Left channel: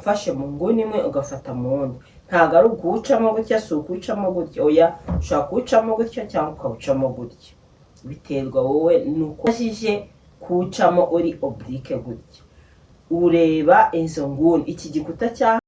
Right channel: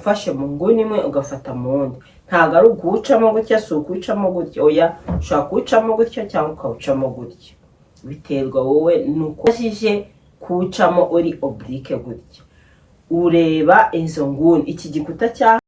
ufashe mu nguni imwe ugafata mu wundi, ntabwo ari ukuwucamo gutya, si ukuwucamo gutya, oya ushobora kuwucamo gutya cyangwa ukawucamo gutya, biterwa wowe nuko ubashije kuwucamo uri oblique gutya. Ureba izo nguni, iki gikuta cya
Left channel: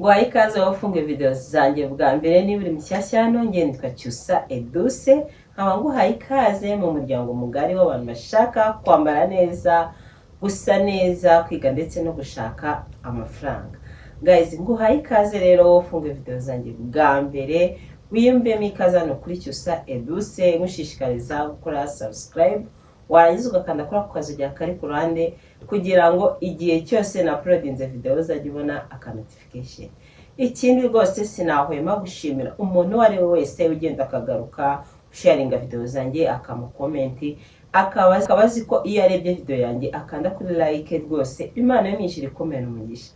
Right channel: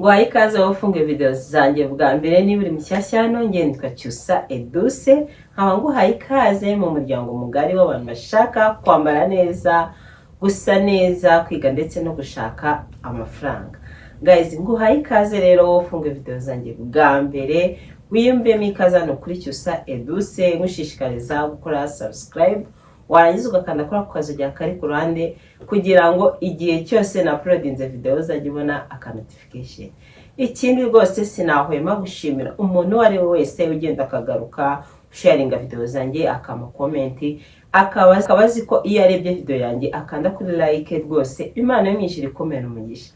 Nguhaye ikaze wowe ufunga video zanjye bwa mbere, niba uri mushyashya hano, njye nitwa Cyusa Edouce, nkaba nguhaye ikaze mu muryango mugari w'abantu bashaka kwambara neza, gusa neza, kwiga ndetse no gushaka amafaranga. Guys, nguhaye ikaze rero wowe ufunga video zanjye bwa mbere, wiyumvemo ikaze hano kuri Cyusa Edouce, ngushishikariza gukora subscribe, warangiza ugakanda kuri ako kazu kari ku ruhande kugira ngo igihe cyose na uploadinze video uzajye ubona aka notification. Ikindi rwose sinahwema gushimira umuntu wari wese ugenda akagaruka sharinga video zanjye, akama comment, akabazi ko iyo arebye video yanjye akanda kuri like, rwose Imana yamwishira ikomera umugisha.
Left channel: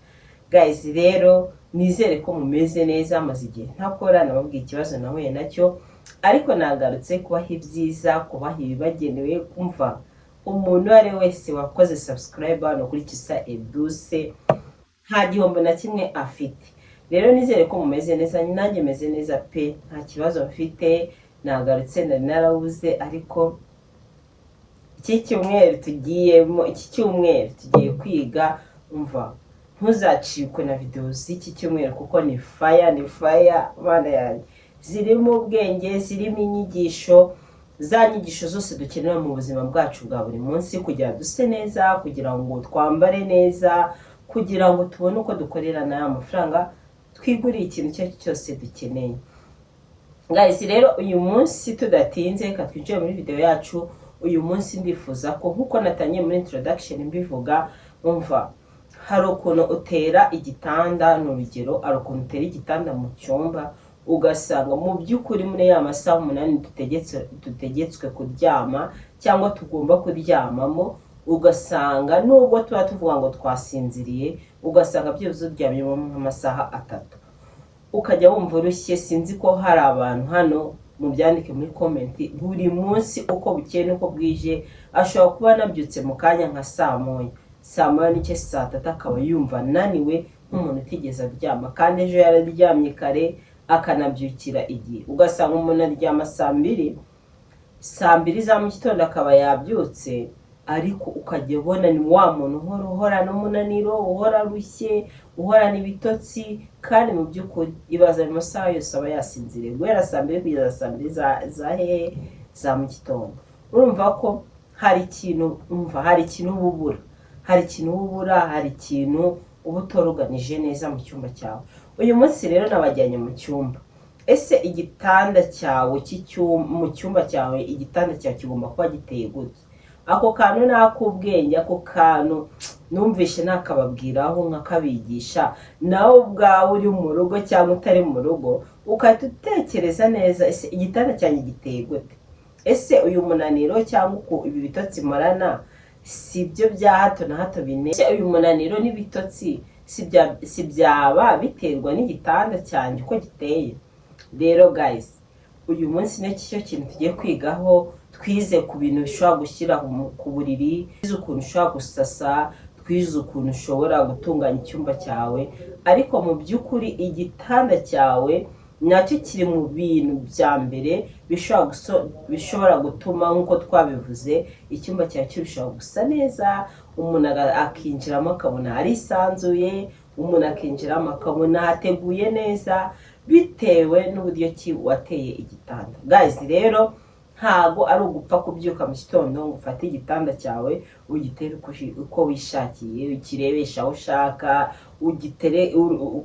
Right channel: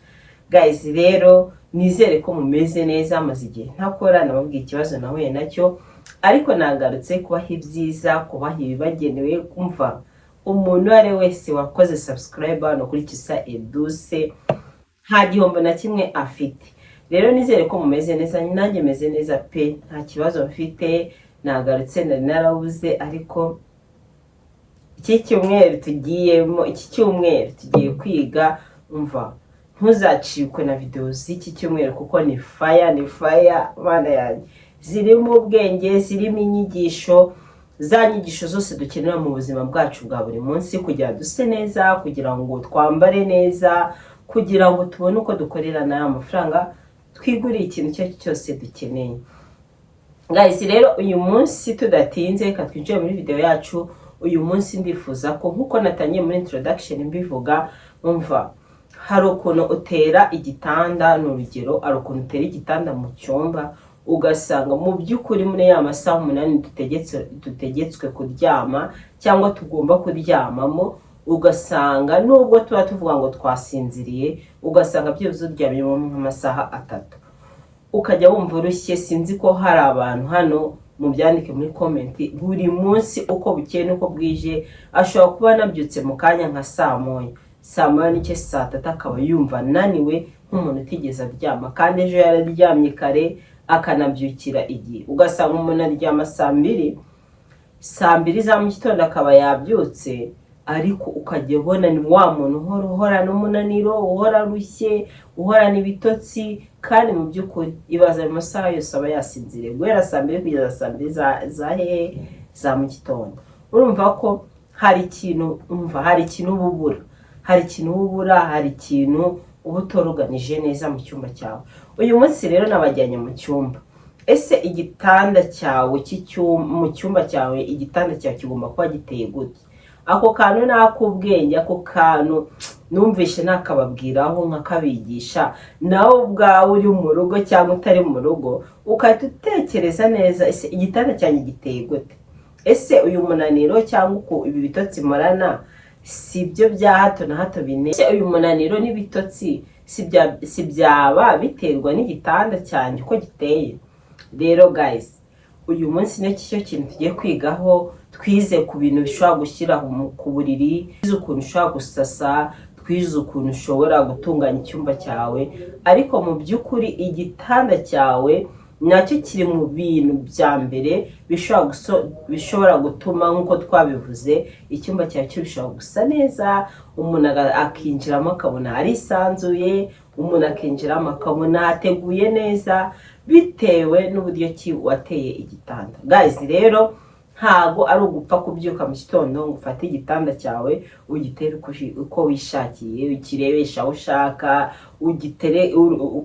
Guys, rero nizere ko mumeze neza, maze igihe ntakora nababwiye ikibazo nahuye nacyo, ariko nagarutse kubaha ibyiza, kubaha ibibagenewe. Kumva umuntu wari wese wakoze subscribe hano kuri Cyusa Edouce nta gihombo na kimwe afite. Rero nizere ko mumeze neza, nanjye meze neza pe, nta kibazo mfite. Nagarutse narabuze, ariko iki cyumweru tugiye kwiga. Umva, ntuzacikwe na video z'iki cyumweru kuko ni fire mana yanjye, zirimo ubwenge, zirimo inyigisho, za nyigisho zose dukenera mu buzima bwacu bwa buri munsi, kugira duse neza, kugira ngo twambare neza, kugira ngo tubone uko dukorera n'aya mafaranga, twigurire ikintu icyo cyose dukeneye. Guys, rero uyu munsi tudatinze reka twinjire muri video yacu. Uyu munsi ndifuza ko nkuko natangiye muri introduction mbivuga, umva, hari ukuntu utera igitanda, n'urugero ari ukuntu utera igitanda mu cyumba, ugasanga mu by'ukuri muri ya masaha 8 dutegetswe kuryama cyangwa tugomba kuryamamo, ugasanga nubwo tuba tuvuga ngo twasinziriye, ugasanga byuzuye uryamye mu masaha 3, ukajya wumva urushye. Sinzi ko hari abantu hano, mu byandike muri comment, buri munsi uko bukeye nuko bwije ashobora kuba nabyutse mu kanya nka saa moya n'icyo saa 3 akaba yumva naniwe nk'umuntu utigeze aryama, kandi ejo yararyamye kare akanabyukira igihe. Ugasanga umuntu aryama saa 2 za mu gitondo akaba yabyutse, ariko ukajya ubona ni wa muntu uhorana umunaniro, uhora rushye, uhorana ibitotsi, kandi mu by'ukuri ibaza mu masaha yose aba yasinziriye guhera saa 2 kugeza saa 2 za mu gitondo. Urumva ko hari ikintu ububura, hari ikintu uba utoruganije neza mu cyumba cyawe. Uyu munsi rero nabajyanye mu cyumba. Ese igitanda cyawe mu cyumba cyawe, igitanda cyawe kigomba kuba giteye gute? Ako kantu nakubwenge, ako kantu numvishe nakababwiraho nkakabigisha, nawe ubwawe uri mu rugo cyangwa utari mu rugo, ukahita utekereza neza, ese igitanda cyanjye giteye gute? Ese uyu munaniro cyangwa uko ibi bitotsi morana si byo bya hato na hato bine? Ese uyu munaniro n'ibitotsi si byaba biterwa n'igitanda cyanjye uko giteye? Rero guys, uyu munsi n'icyo kintu tugiye kwigaho. Twize ku bintu bishobora gushyira ku buriri, twize ukuntu ushobora gusasa, twize ukuntu ushobora gutunganya icyumba cyawe, ariko mu by'ukuri igitanda cyawe nacyo kiri mu bintu bya mbere bishobora gutuma, nk'uko twabivuze, icyumba cyawe kirushaho gusa neza. Umuntu akinjiramo akabona arisanzuye, umuntu akinjiramo akabona hateguye neza, bitewe n'uburyo ki wateye igitanda. Guys, rero ntago ari ugupfa kubyuka mu gitondo ngo ufate igitanda cyawe ugitere uko wishakiye, ukirebesha aho ushaka,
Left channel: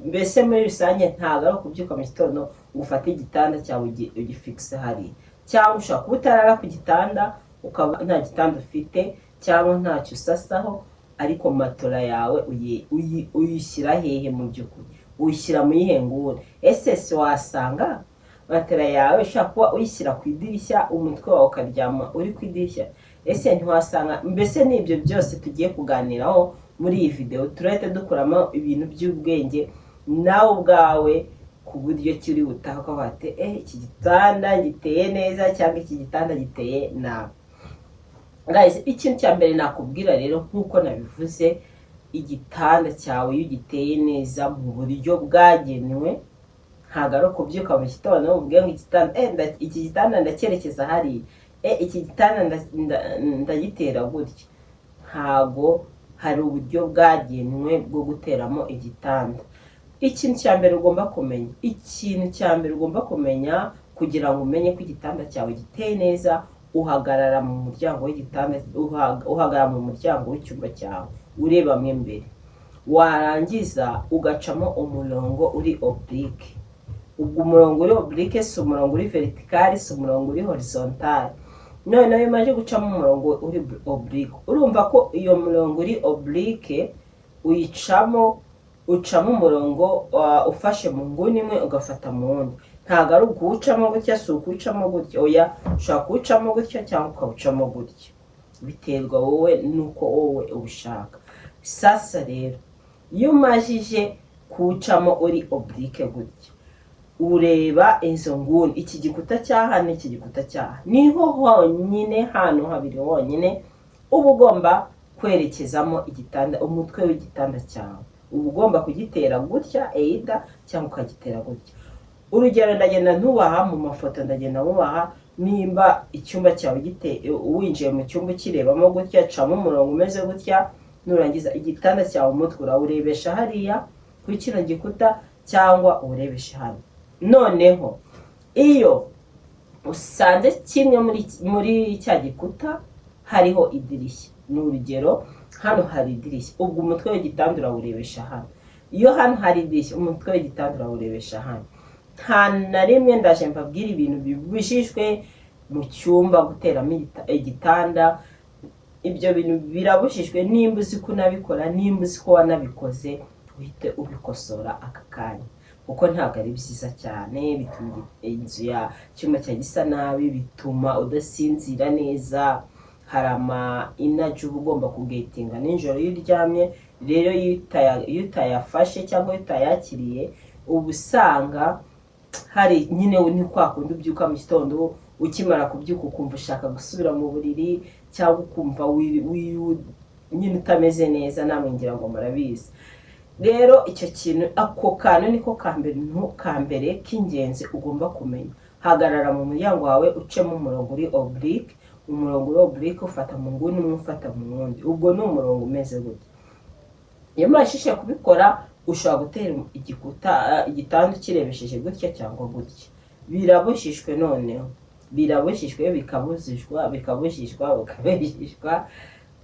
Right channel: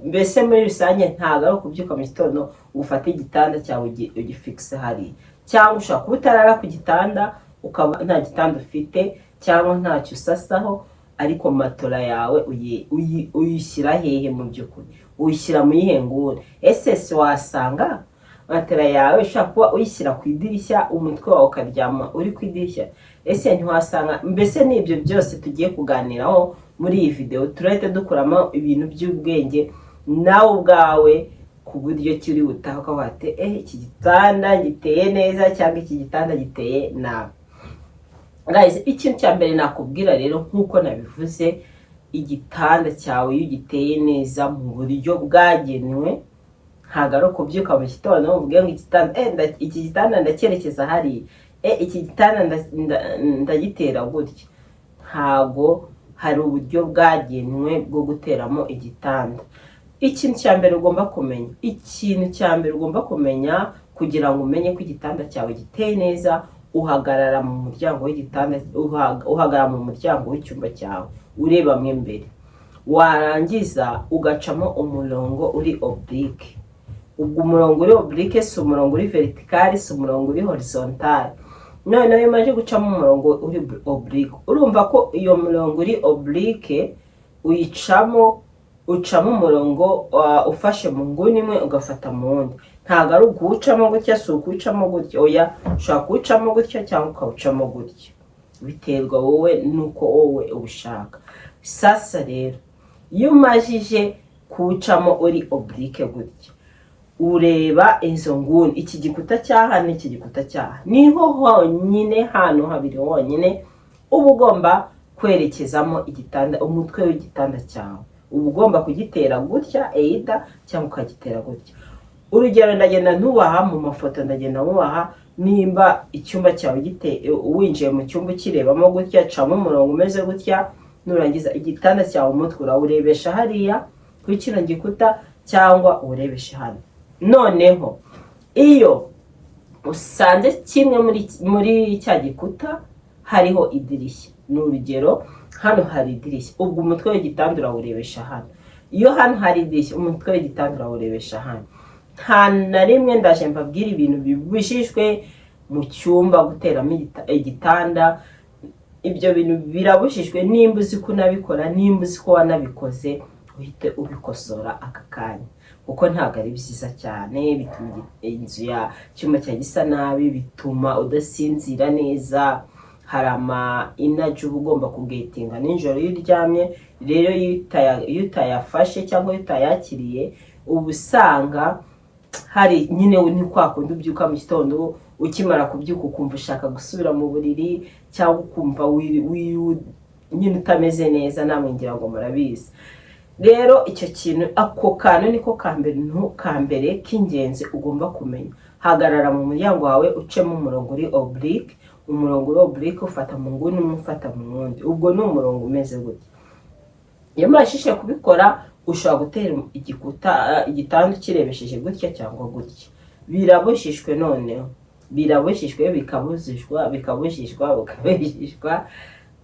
mbese muri rusange ntago ari ukubyuka mu gitondo ngo ufate igitanda cyawe ugifixe hari. Cyangwa ushaka kuba utarara ku gitanda, ukaba nta gitanda ufite cyangwa ntacyo usasaho, ariko matora yawe uyishyira hehe? Mu by'ukuri uyishyira mu yihengure. Ese si wasanga matera yawe ushaka kuba uyishyira ku idirishya, umutwe wawe ukaryama uri ku idirishya? Ese ntiwasanga? Mbese n'ibyo byose tugiye kuganiraho muri iyi video, turahita dukuramo ibintu by'ubwenge nawe ubwawe, ku buryo kiri butaha ko bate iki gitanda giteye neza cyangwa iki gitanda giteye nabi. guys, ikintu cya mbere nakubwira rero nk'uko nabivuze, igitanda cyawe iyo ugiteye neza mu buryo bwagenwe, ntabwo ari ukubyuka mu gitondo uvuge ngo iki gitanda ndacyerekeza hariya, iki gitanda ndagitera gutya. Ntabwo hari uburyo bwagenwe bwo guteramo igitanda. Ikintu cya mbere ugomba kumenya kugira ngo umenye ko igitanda cyawe giteye neza, uhagarara mu muryango w'igitanda, uhagarara mu muryango w'icyumba cyawe urebamo imbere, warangiza ugacamo umurongo uri oblique. Ubwo umurongo uri oblique si umurongo uri vertical, si umurongo uri horizontal. Noneho iyo umaze gucamo umurongo uri oblique, urumva ko iyo murongo uri oblique ucamo umurongo ufashe mu nguni imwe ugafata mu wundi. Ntabwo ari ukuwucamo gutya, si ukuwucamo gutya, oya, ushobora kuwucamo gutya cyangwa ukawucamo gutya, biterwa wowe nuko wowe ubishaka. Sasa rero iyo umajije kuwucamo uri oblique gutya, ureba izo nguni, iki gikuta cyaha n'iki gikuta cyaha, niho honyine, hano habiri honyine uba ugomba kwerekezamo igitanda, umutwe w'igitanda cyawe uba ugomba kugitera gutya either cyangwa ukagitera gutya. Urugero ndagenda ntubaha mu mafoto, ndagenda ntubaha nimba icyumba cyawe winjiye mu cyumba ukirebamo gutya, camo umurongo umeze gutya, nurangiza igitanda cyawe umutwe urawurebesha hariya kuri kino gikuta cyangwa uwurebeshe hano. Noneho iyo usanze kimwe muri cya gikuta hariho idirishya, ni urugero hano hari idirishya, ubwo umutwe w'igitanda urawurebesha hano. Iyo hano hari idirishya, umutwe w'igitanda urawurebesha hano. Nta na rimwe ndaje mbabwira ibintu bibujijwe mu cyumba guteramo igitanda. Ibyo bintu birabujijwe. Nimba uzi ko unabikora, nimba uzi ko wanabikoze, uhite ubikosora aka kanya, kuko ntabwo ari byiza cyane. Bituma inzu ya cyumba cya gisa nabi, bituma udasinzira neza. Hari ama energy uba ugomba kugetinga nijoro iyo uryamye. Rero iyo utayafashe cyangwa iyo utayakiriye, uba usanga hari nyine ni kwa kundi ubyuka mu gitondo, ukimara kubyuka ukumva ushaka gusubira mu buriri, cyangwa ukumva nyine utameze neza. Namwe ngira ngo murabizi. Rero icyo kintu, ako kantu niko kambere k'ingenzi ugomba kumenya. Hagarara mu muryango wawe, ucemo umurongo uri oblique. Umurongo uri oblique ufata mu nguni umwe, ufata mu wundi. Ubwo ni umurongo umeze gutya. Iyo murashije kubikora, ushobora gutera igitanda ukirebesheje gutya cyangwa gutya. Birabujijwe. Noneho birabujijwe, bikabujijwa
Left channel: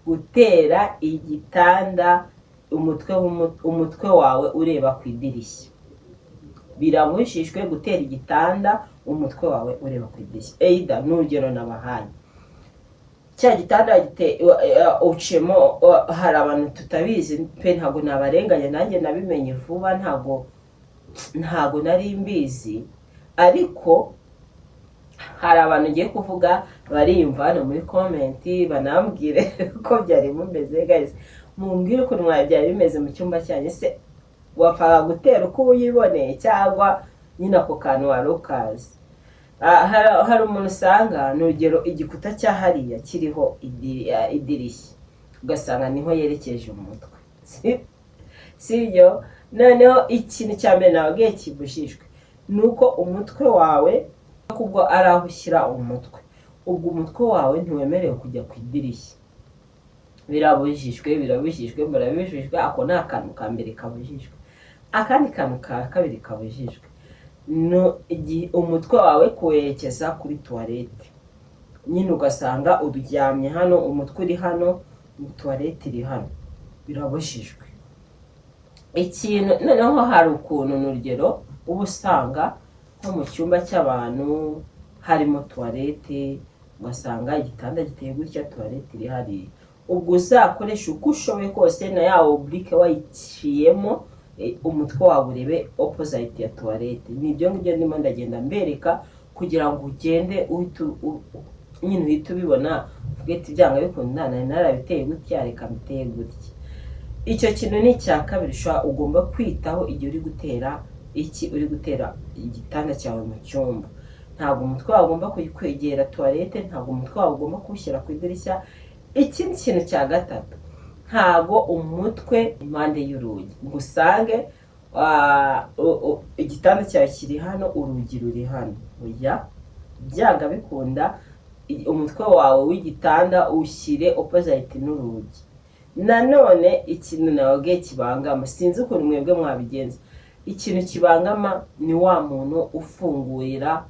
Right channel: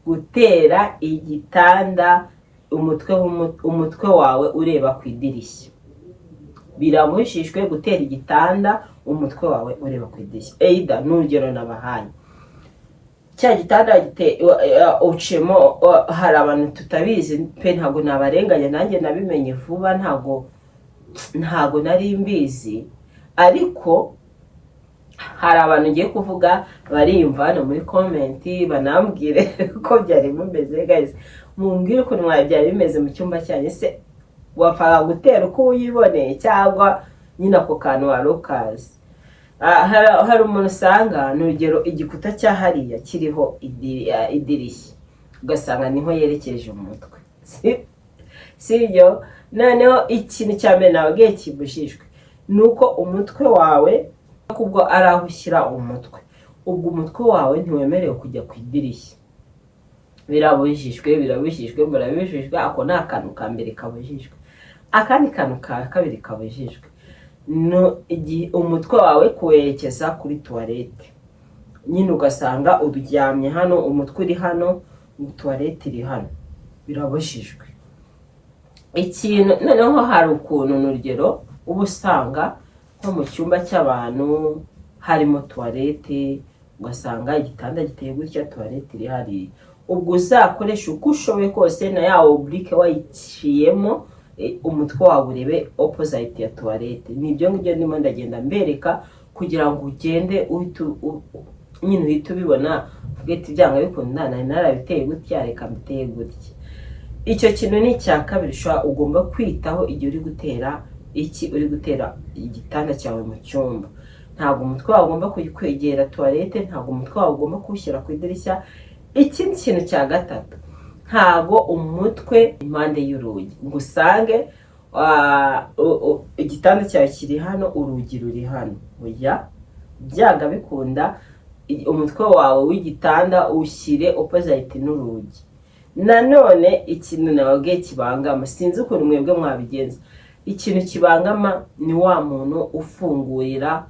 gutera igitanda umutwe wawe ureba ku idirishya. Birabujijwe gutera igitanda umutwe wawe ureba ku idirishya. Either n'urugero nabahaye, cya gitanda ucemo, hari abantu tutabizi pe, ntago nabarenganya, nanjye nabimenye vuba, ntago nari mbizi, ariko hari abantu ngiye kuvuga bariyumva hano muri comment, banambwire ko byari bimeze. Guys, mumbwire ukuntu byari bimeze mu cyumba cyanyu. Se wapfaga gutera uko uyiboneye cyangwa nyine ako kantu wari ukazi? Hari umuntu usanga n'urugero igikuta cyahariya kiriho idirishya, ugasanga niho yerekeje umutwe, sibyo? Noneho ikintu cya mbere nababwiye kibujijwe nuko umutwe wawe, kubwo ari aho ushyira umutwe, ubwo umutwe wawe ntiwemerewe kujya ku idirishya. Birabujijwe, murabijijwe. Ako ni akantu ka mbere kabujijwe. Akandi kantu ka kabiri kabujijwe, umutwe wawe kuwerekeza kuri toilette. Nyine ugasanga uryamye hano, umutwe uri hano, toilette iri hano. Birabujijwe. Ikintu noneho hari ukuntu n'urugero uba usanga nko mu cyumba cy'abantu harimo toilette, ugasanga igitanda giteye gutya, toilette iri hariya. Ubwo uzakoresha uko ushoboye kose na ya oblique wayiciyemo, umutwe wawe urebe opposite ya toilette. Nibyo ngibyo ndimo ndagenda mbereka kugira ngo ugende nyine uhite ubibona, uvuge ati byanga bikunda narabiteye gutya, reka mbiteye gutya. Icyo kintu ni icya kabiri ugomba kwitaho igihe uri gutera igitanda cyawe mu cyumba. Ntabwo umutwe wawe ugomba kwegera toilette, ntabwo umutwe wawe ugomba kuwushyira ku idirishya. ikindi kintu cya gatatu, ntago umutwe impande y'urugi ngo usange igitanda cyawe kiri hano, urugi ruri hano. Oya, byanga bikunda umutwe wawe w'igitanda ushyire opposite n'urugi. Nanone ikintu nababwiye kibangama, sinzi ukuntu mwebwe mwabigenza, ikintu kibangama ni wa muntu ufungurira,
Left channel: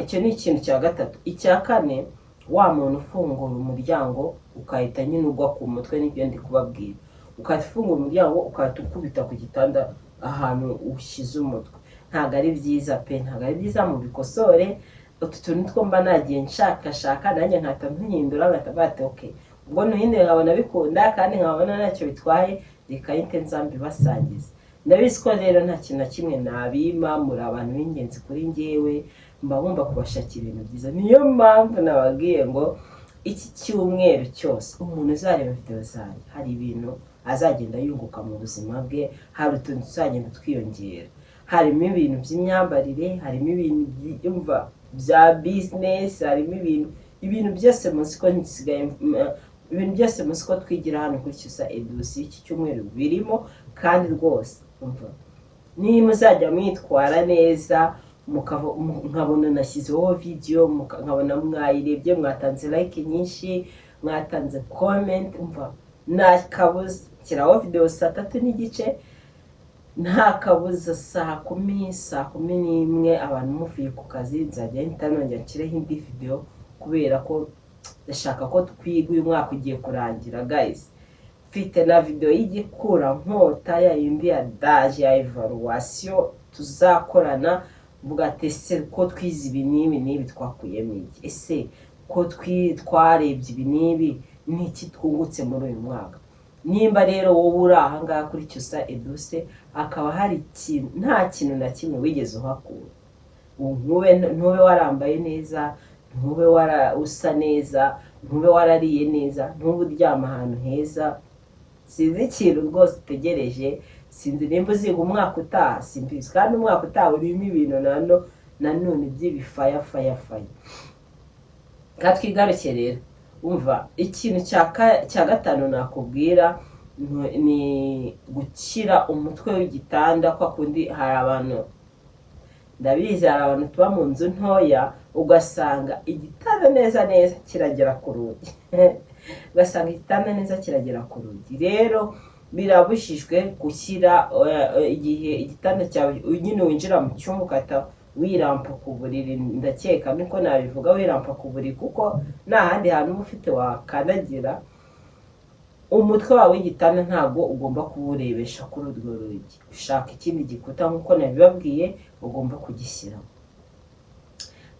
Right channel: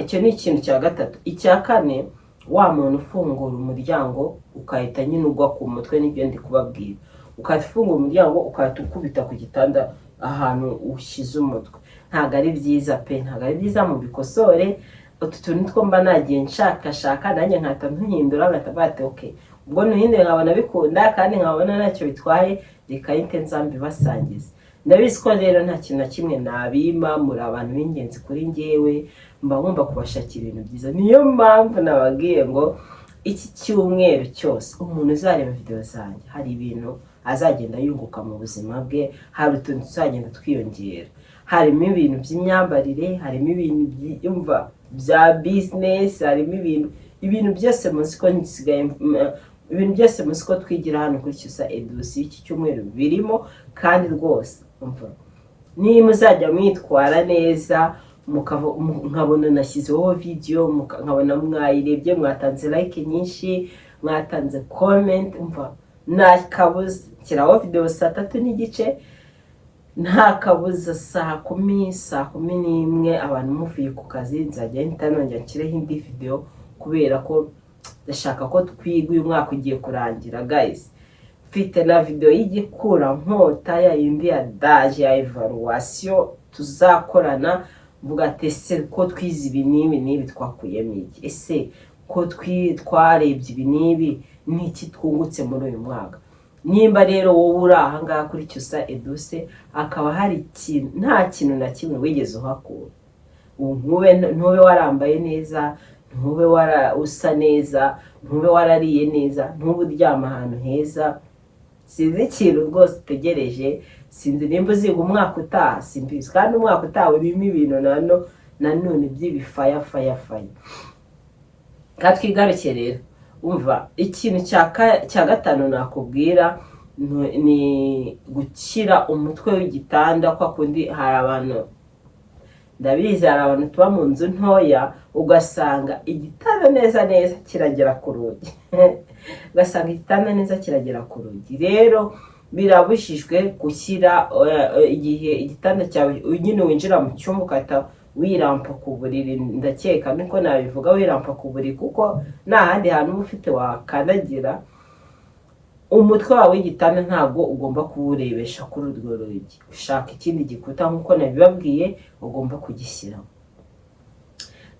icyo ni ikintu cya gatatu. Icya kane, wa muntu ufungura umuryango ukahita nyine ugwa ku mutwe, n'ibyo ndi kubabwira, ukahita ufungura umuryango ukahita ukubita ku gitanda ahantu ushyize umutwe. Ntabwo ari byiza pe, ntabwo ari byiza, mu bikosore. Utu tuntu two mba nagiye nshakashaka nanjye nkahita ntuhindura, nkahita bate okay, ubwo nuhindure nkabona bikunda kandi nkabona ntacyo bitwaye, reka yite nzambi basangiza. Ndabizi ko rero nta kintu na kimwe nabima, muri abantu b'ingenzi kuri njyewe, mba ngomba kubashakira ibintu byiza. Niyo mpamvu nababwiye ngo iki cyumweru cyose umuntu uzareba video zanjye hari ibintu azagenda yunguka mu buzima bwe, hari utuntu tuzagenda twiyongera, harimo ibintu by'imyambarire, harimo ibintu byumva bya business, harimo ibintu byose muzi ko nsigaye, ibintu byose muzi ko twigira hano kuri Cyusa Edusi iki cyumweru birimo. Kandi rwose umva, niba muzajya mwitwara neza, nkabona nashyizeho video, nkabona mwayirebye, mwatanze like nyinshi, mwatanze comment, umva nta kabuza nshyiraho video 3:30, nta kabuza saa 10:00 abantu muvuye ku kazi nzajya ntanongera nshyireho indi video, kubera ko ndashaka ko twiga. Uyu mwaka ugiye kurangira guys, mfite na video y'igikura nkota ya yindi ya daje ya evaluation tuzakorana, mvuga ese ko twize ibi n'ibi twakuyemo iki, ese ko twarebye ibi n'ibi n'iki twungutse muri uyu mwaka. Nimba rero wowe uri aha ngaha kuri Cyusa Edusi akaba hari ikintu, nta kintu na kimwe wigeze uhakura, ntube warambaye neza, ntube usa neza, ntube warariye neza, ntube uryama ahantu heza, sinzi ikintu rwose utegereje. Sinzi nimba uziga umwaka utaha, simbizi, kandi umwaka utaha urimo ibintu nanone by'ibifaya. Katwigaruke rero, umva ikintu cya gatanu nakubwira ni gukira umutwe w'igitanda. Kwa kundi hari abantu, ndabizi hari abantu tuba mu nzu ntoya, ugasanga igitanda neza kiragera ku rugi ugasanga igitanda neza kiragera ku rugi. Rero birabujijwe gushyira igihe igitanda cyawe nyine winjira mu cyumba ukahita wirampa ku buriri, ndakeka niko nabivuga, wirampa ku buriri, kuko nta handi hantu uba ufite wakandagira. Umutwe wawe w'igitanda ntabwo ugomba kuwurebesha kuri urwo rugi, ushaka ikindi gikuta nk'uko nabibabwiye ugomba kugishyiraho.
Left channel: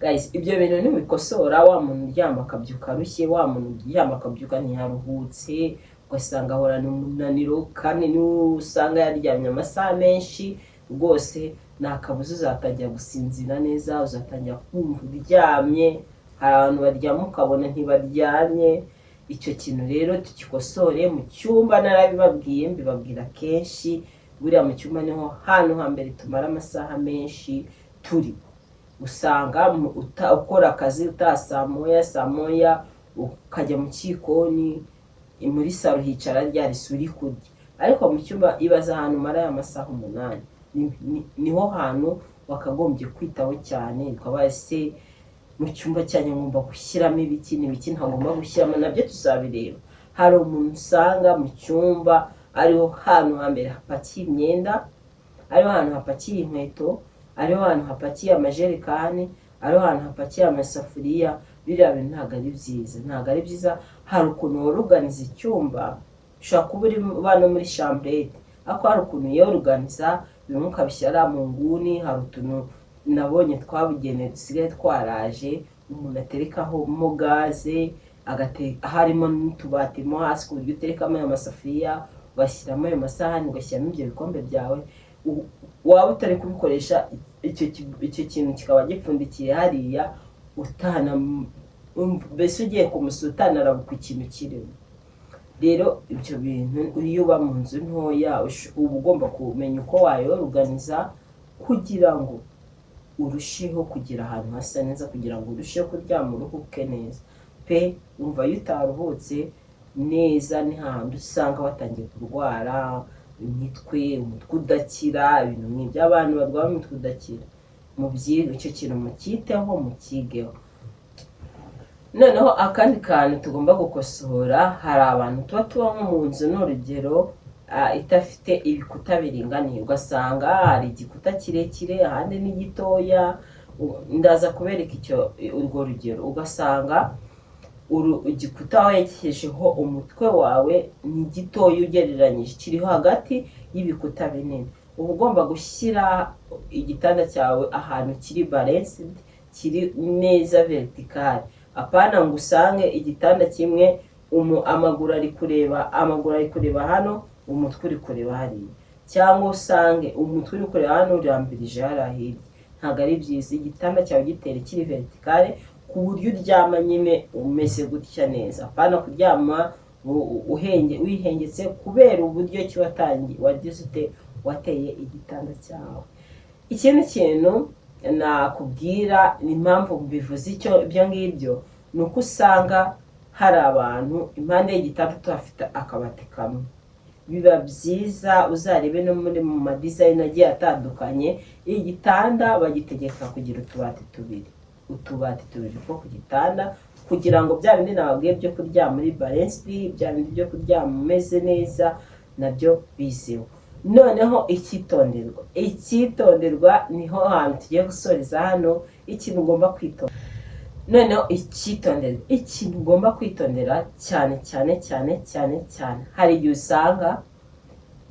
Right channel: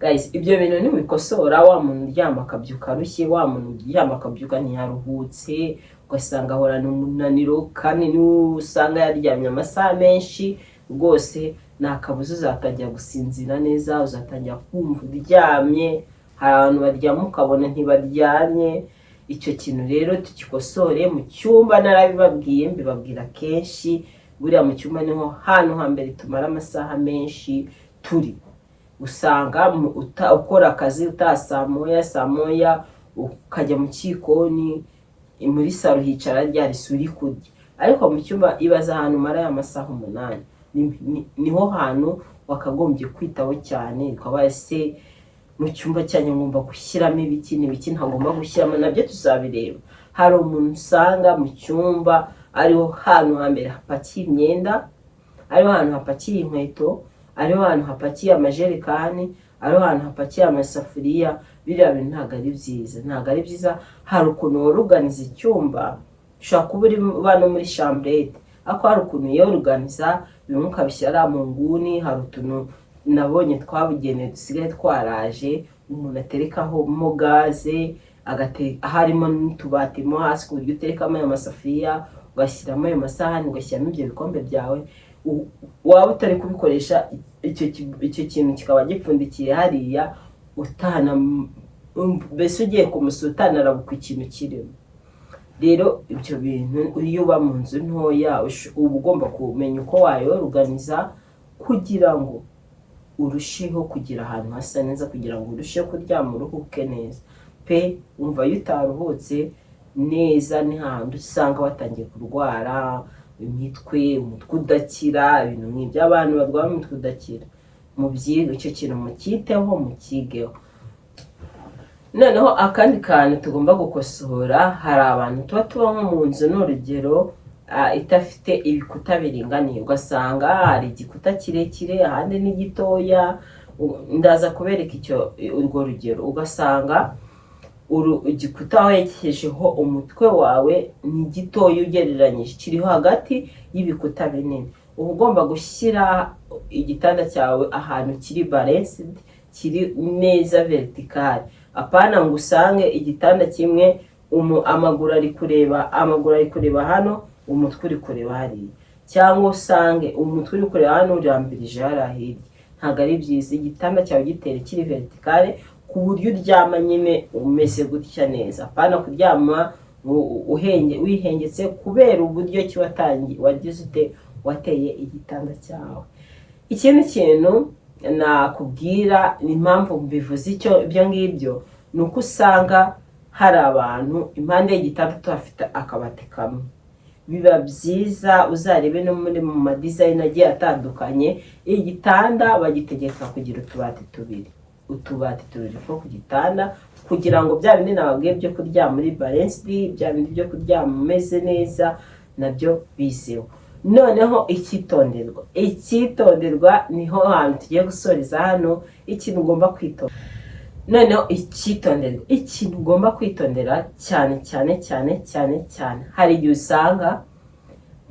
Guys, ibyo bintu ntibikosora. Wa muntu uryama akabyuka arushye, wa muntu uryama akabyuka ntiyaruhutse, ugasanga ahorana umunaniro, kandi usanga yaryamye amasaha menshi, rwose nta kabuza uzatangira gusinzira neza, uzatangira kumva uryamye. Hari abantu baryama ukabona ntibaryamye. Icyo kintu rero tukikosore mu cyumba. Narabibabwiye, mbibabwira kenshi, buriya mu cyumba niho hantu hambere tumara amasaha menshi turi. Usanga ukora akazi utaha saa moya, ukajya mu cyikoni, muri saro hicara ryari suri kurya, ariko mu cyumba ibaza ahantu umara amasaha 8. Niho hantu wakagombye kwitaho cyane, ukaba ese mu cyumba cyanyu ngomba gushyiramo ibiki n'ibiki ntagomba gushyiramo, nabyo tuzabireba. Hari umuntu usanga mu cyumba ariho hantu hambere hapakiye imyenda, ariho hantu hapakiye inkweto, ariho hantu hapakiye amajerekani, ariho hantu hapakiye amasafuriya. Biriya bintu ntabwo ari byiza, ntabwo ari byiza. Hari ukuntu woruganiza icyumba, ushobora kuba uri no muri chambrette, ariko hari ukuntu yoruganiza bimwe ukabishyira mu nguni. Hari utuntu nabonye twabugenewe dusigaye twaraje, umuntu aterekaho mo gaze, harimo n'utubati mo hasi ku buryo uterekamo ayo masafuriya, ugashyiramo ayo masahani, ugashyiramo ibyo bikombe byawe. Waba utari kubikoresha, icyo kintu kikaba gipfundikiye hariya, mbese ugiye kumusutana arabuka ikintu kirimo. Rero ibyo bintu iyo uba mu nzu ntoya uba ugomba kumenya uko wayoruganiza kugira ngo urusheho kugira ahantu hasa neza, kugira ngo urusheho kuryama uruhuke neza pe. Umva iyo utaruhutse neza, ni hahandi usanga watangiye kurwara umutwe udakira, ibintu nk'ibyo. Abantu barwara umutwe udakira, icyo kintu mukiteho, mukigeho. Noneho akandi kantu tugomba gukosora, hari abantu tuba nko mu nzu, n'urugero idafite ibikuta biringaniye, ugasanga hari igikuta kirekire ahandi ni gitoya. Ndaza kubereka urwo rugero. Ugasanga igikuta werekejeho umutwe wawe ni gitoya ugereranyije, kiriho hagati y'ibikuta binini. Uba ugomba gushyira igitanda cyawe ahantu kiri balanced, kiri neza vertical. Apana ngo usange igitanda kimwe amaguru ari kureba hano, umutwe uri kureba hariya, cyangwa usange umutwe uri kureba hano urambirije hariya hirya. Ntabwo ari byiza. Igitanda cyawe gitere kiri vertical ku buryo uryama nyine umeze gutya neza. Apana kuryama wihengetse kubera uburyo ki wateye igitanda cyawe. Ikindi kintu nakubwira, ni impamvu mbivuze ibyo ngibyo, ni uko usanga hari abantu impande y'igitanda tuhafite akabati kamwe. Biba byiza uzarebe no muri mu madizayini agiye atandukanye, igitanda bagitegeka kugira utubati tubiri two ku gitanda, kugira ngo bya bindi nababwiye byo kuryama muri balanced, bya bindi byo kuryama umeze neza, nabyo bizeho. Noneho icyitonderwa niho hantu tugiye gusoreza hano, ikintu ugomba kwitondera. Noneho ikintu ugomba kwitondera cyane, hari igihe usanga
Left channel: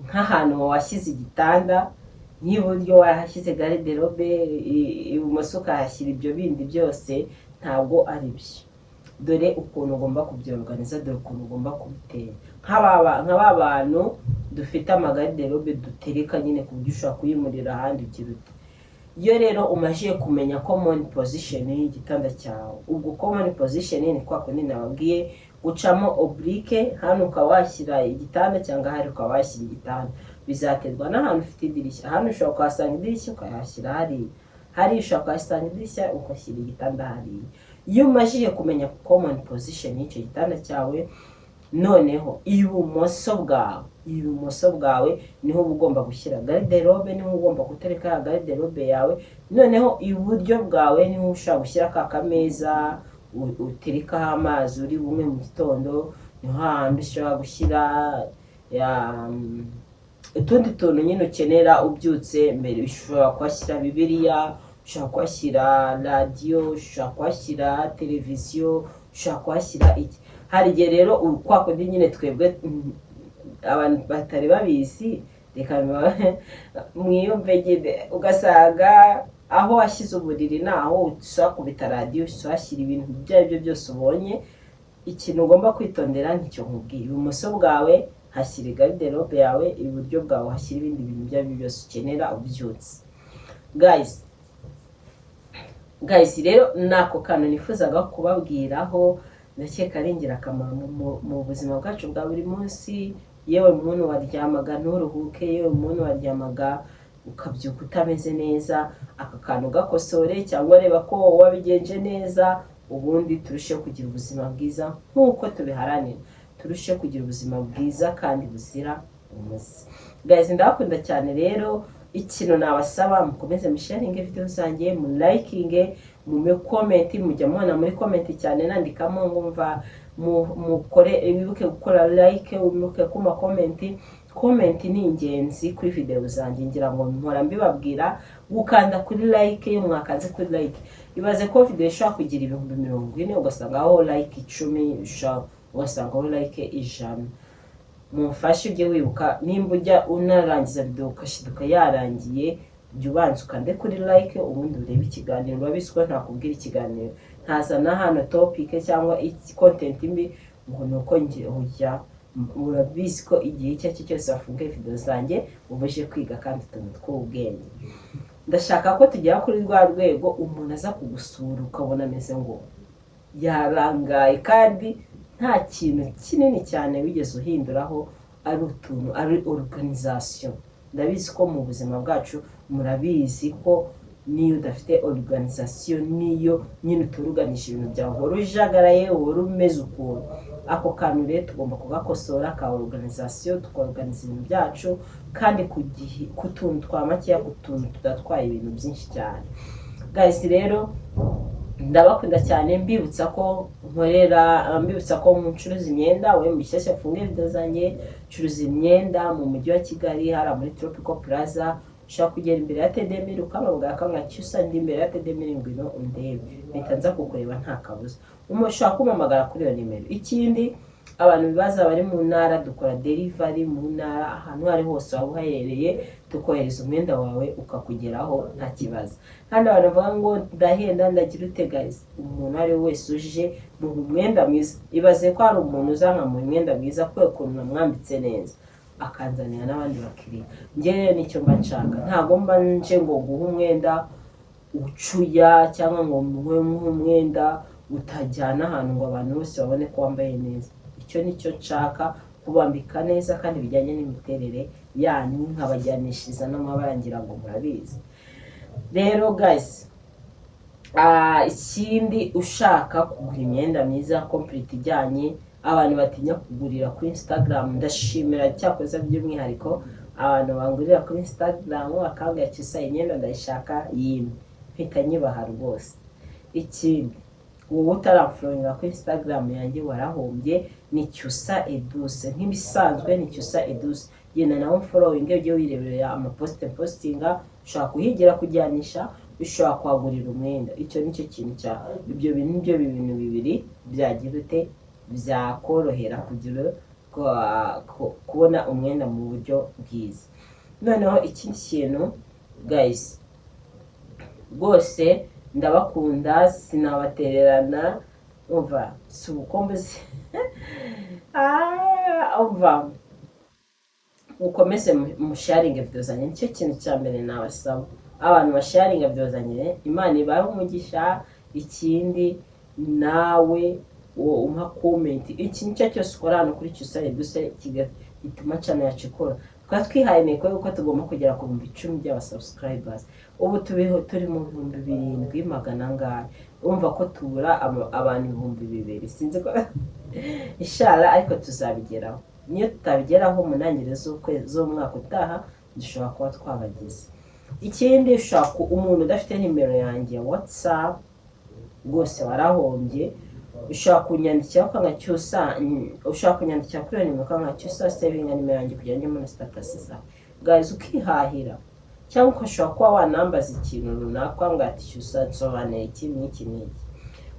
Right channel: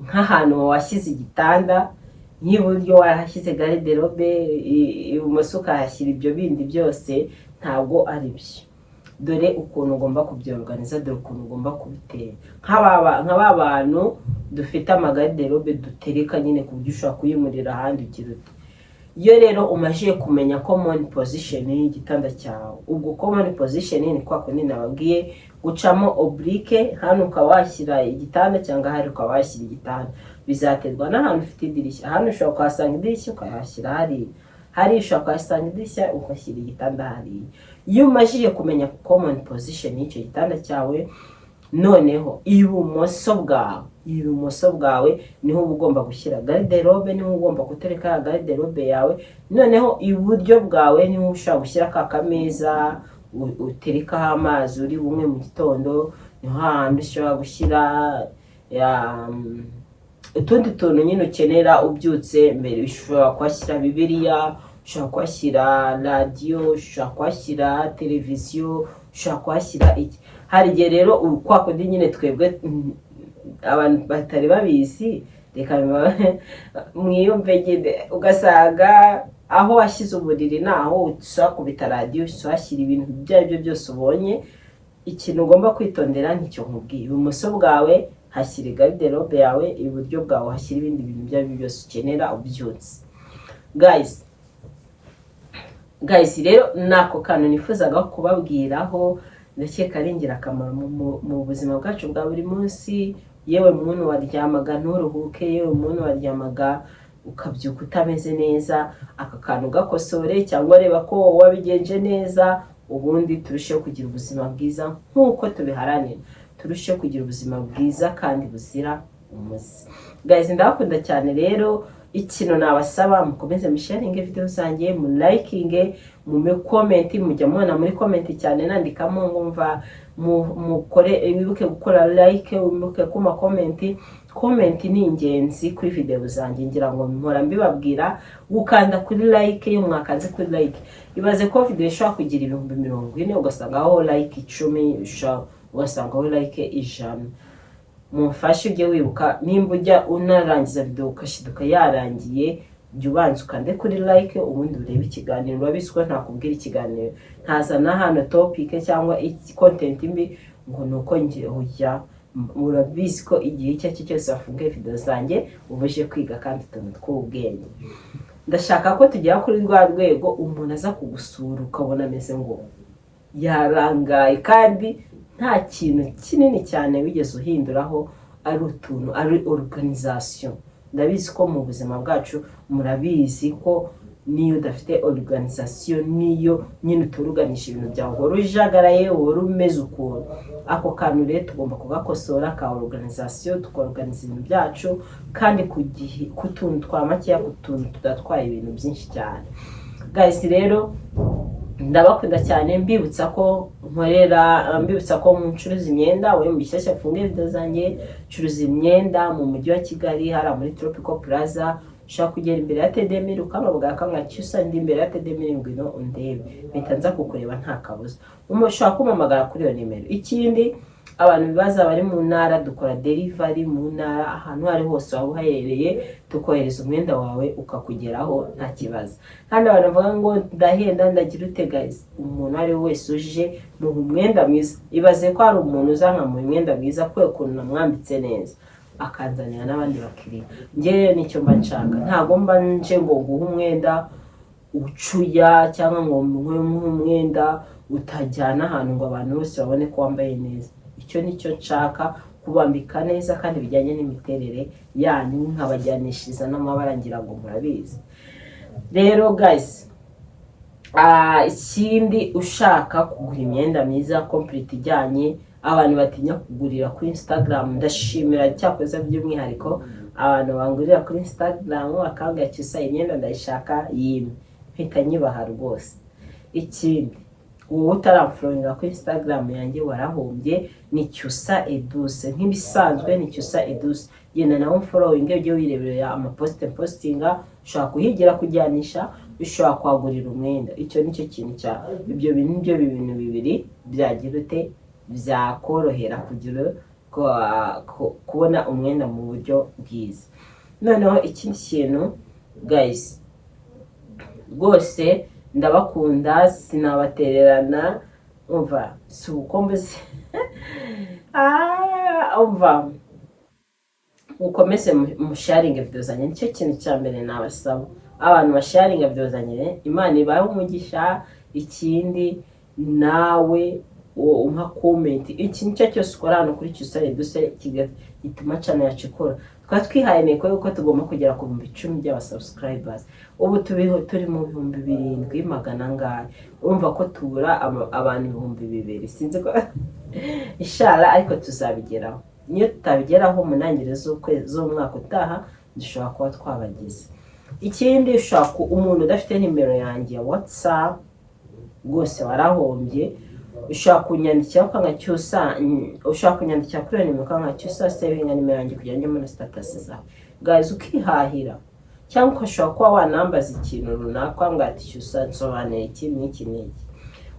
nk'ahantu washyize igitanda, nk'iburyo warahashyize garderobe, ibumoso ukahashyira ibyo bindi byose, ntabwo ari byo. Dore ukuntu ugomba kubyorganiza, dore ukuntu ugomba kubitera. nk'aba bantu dufite amagarderobe dutereka nyine ku buryo ushobora kuyimurira ahandi ugira uti. Iyo rero umajije kumenya common position y'igitanda cyawe, ubwo common position ni kwa kundi nababwiye, gucamo oblique, hano ukaba washyira igitanda cyangwa hari ukaba washyira igitanda. Bizaterwa n'ahantu ufite idirishya. Hano ushobora kuhasanga idirishya ukahashyira hariya ushobora kuhasanga idirishya ugashyira igitanda hariya. Iyo umajije kumenya common position y'icyo gitanda cyawe, noneho ibumoso bwawe niho uba ugomba gushyira garderobe, niho ugomba gutereka garderobe yawe. Noneho iburyo bwawe niho ushobora gushyira ka kameza uterekaho amazi uri bumwe mu gitondo. Niho hahandi ushobora gushyira utundi tuntu nyine ukenera ubyutse mbere. Ushobora kuhashyira bibiliya, ushobora kuhashyira radiyo, ushobora kuhashyira televiziyo, ushobora kuhashyira iki. Hari igihe rero kwa kundi nyine twebwe abantu batari babizi, reka mwiyumve, ugasanga aho washyize uburiri naho ushobora kubita radiyo, ushobora ibintu ibyo ari byo byose ubonye. Ikintu ugomba kwitondera nicyo nkubwiye. Ibumoso bwawe hashyira garderobe yawe, iburyo bwawe hashyira ibindi bintu ibyo ari byo byose ukenera ubyutse. Guys, rero nako kantu nifuzaga kubabwiraho, ndakeka ari ingirakamaro mu buzima bwacu bwa buri munsi. Yewe muntu waryamaga nturuhuke, yewe muntu waryamaga ukabyuka utameze neza, aka kantu gakosore, cyangwa reba ko wabigenje neza, ubundi turusheho kugira ubuzima bwiza nk'uko tubiharanira. Turusheho kugira ubuzima bwiza kandi buzira umuze. Guys, ndabakunda cyane rero. Ikintu nabasaba, mukomeze musharinge video zanjye, mu likinge, mu comment, mujya mubona muri comment cyane nandikamo ngumva mukore, wibuke gukora like, wibuke kuma comment ni ingenzi kuri video zanjye. Ngira ngo mpora mbibabwira gukanda kuri like. Iyo mwakanze kuri like, ibaze ko video ishobora kugira ibihumbi 40, ugasanga aho like 10, ugasanga aho like 100. Mumfashe ujye wibuka, nimba ujya unarangiza video ukashiduka yarangiye, jya ubanza ukande kuri like, ubundi urebe ikiganiro. Urabizi ko ntakubwira ikiganiro, ntazana hano topic cyangwa content mbi ngo nuko ngiye ujya. Urabizi ko igihe icyo ari cyo cyose wafunguye video zanjye ubuje kwiga kandi utuntu tw'ubwenge. Ndashaka ko tugera kuri rwa rwego umuntu aza kugusura ukabona ameze ngo yarangaye, kandi nta kintu kinini cyane wigeze uhinduraho, ari utuntu, ari organisation. Ndabizi ko mu buzima bwacu murabizi ko niyo udafite organisation, niyo nyine uturuganisha ibintu byawe uhora ujagaraye, uhora umeze ukuntu. Ako kantu rero tugomba kugakosora ka organisation, tukorganiza ibintu byacu kandi ku gihe, ku tuntu twa makeya, ku tuntu tudatwaye ibintu byinshi cyane. Guys rero ndabakunda cyane, mbibutsa ko ncuruza imyenda. We mbishyashya funge video zanjye, ncuruza imyenda mu mujyi wa Kigali hara muri Tropical Plaza. Ushaka kugera imbere ya Tedemir ukamabwa kamwa cyusa ndi imbere ya Tedemir ngwino undebe, mpita nza kukureba nta kabuza. Ushaka kumamagara kuri iyo nimero. Ikindi abantu bibaza bari mu ntara, dukora delivery mu ntara, ahantu hari hose waba uhahereye tukohereza umwenda wawe ukakugeraho nta kibazo. Kandi abantu bavuga ngo ndahenda ndagira ute guys, umuntu ari wese uje mu mwenda mwiza, ibaze ko hari umuntu uzanka mu mwenda mwiza kwe kuntu namwambitse neza akanzanira n'abandi bakiriya. Ngewe nicyo mba nshaka, ntago mba nje ngo guha umwenda ucuya cyangwa ngo muhe umwenda utajyana ahantu ngo abantu bose babone ko wambaye neza. Icyo nicyo nshaka, kubambika neza kandi bijyanye n'imiterere yanyu, nkabajyanishiriza n'amabara ngira ngo murabizi. Rero guys, ikindi ushaka kugura imyenda myiza complete ijyanye, abantu batinya kugurira kuri Instagram, ndashimira cyakoze by'umwihariko abantu bangurira kuri Instagram bakambwira cyusa imyenda ndayishaka yimwe, mpita nyibaha rwose. Ikindi wowe utaramfollowinga kuri Instagram yanjye warahombye, ni Cyusa Edouce, nk'ibisanzwe ni Cyusa Edouce. Genda nawe following, ujye wirebera postinga, ushaka kuhigira kujyanisha, ushaka kwagurira umwenda. Icyo nicyo kintu cya ibyo bintu bibiri byagira ute byakorohera kugira kubona umwenda mu buryo bwiza. Noneho ikindi kintu guys, rwose ndabakunda, sinabatererana, umva si ukomeze umva ukomeze musharinge video zanjye. Nicyo kintu cya mbere nabasaba, abantu basharinga video zanjye, Imana ibahe umugisha. Ikindi nawe umpa comment, ikintu cyose ukora hano kuri Cyusa Edouce gituma channel yacu ikora. Twihaye intego yuko tugomba kugera ku 10,000 by'abasubscribers. Ubu turi mu 7,700 ngahe, urumva ko tubura abantu 2,000. Sinzi ko inshallah ariko tuzabigeraho. Niyo tutabigeraho mu ntangiriro z'umwaka utaha, dushobora kuba twabagize. Ikindi ushaka umuntu udafite nimero yanjye ya WhatsApp, rwose warahombye. Ushaka kunyandikira ukanga Cyusa, ushaka kunyandikira kuri nimero ukanga Cyusa, savinga nimero yanjye kugira ngo muri status zawe guys, ukihahira. Cyangwa ushaka kuba wanambaza ikintu runaka ngo ati Cyusa nsobanura iki n'iki n'iki.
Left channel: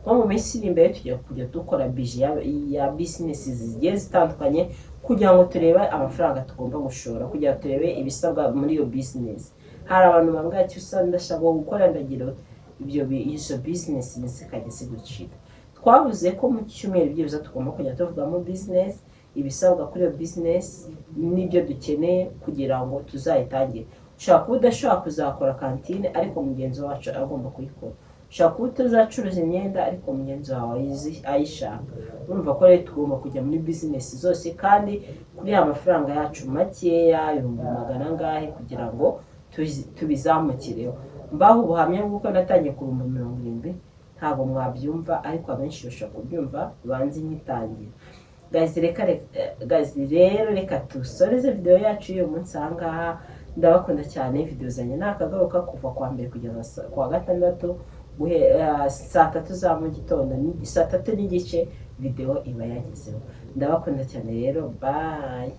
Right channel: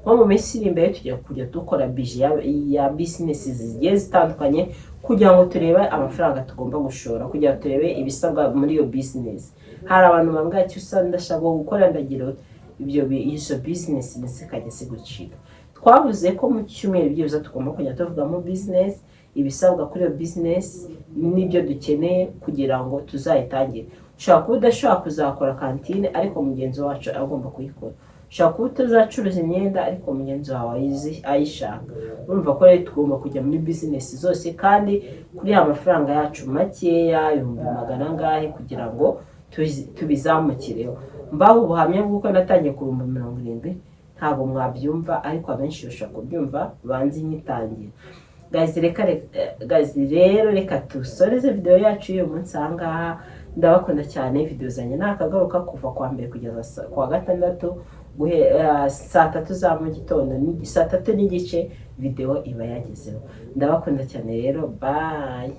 Nko mu minsi iri imbere tujya kujya dukora budget ya business zigiye zitandukanye kugira ngo turebe amafaranga tugomba gushora, kugira turebe ibisabwa muri iyo business. Hari abantu bambwira Cyusa ndashaka gukora ndagira ibyo business zikajya zigucika. Twavuze ko mu cyumweru byibuze tugomba kujya tuvugamo business, ibisabwa kuri iyo business n'ibyo dukeneye kugira ngo tuzayitangire. Ushaka kuba udashobora kuzakora kantine ariko mugenzi wacu agomba kuyikora. Ushaka kuba utazacuruza imyenda ariko mugenzi wawe ayishaka. Urumva ko rero tugomba kujya muri business zose kandi kuri amafaranga yacu makeya 100,000 ngahe kugira ngo tubizamukireho. Mbaho ubuhamya bw'uko natangiye ku 70,000, ntabwo mwabyumva ariko abenshi bashaka kubyumva, banzi nyitangira. Guys rero reka tusoreze video yacu y'uyu munsi ahangaha. Ndabakunda cyane, video zanjye nakagaruka kuva kwa mbere kugeza kwa gatandatu, saa 3 za mu gitondo, saa 3 n'igice video iba yagezeho. Ndabakunda cyane rero, bye.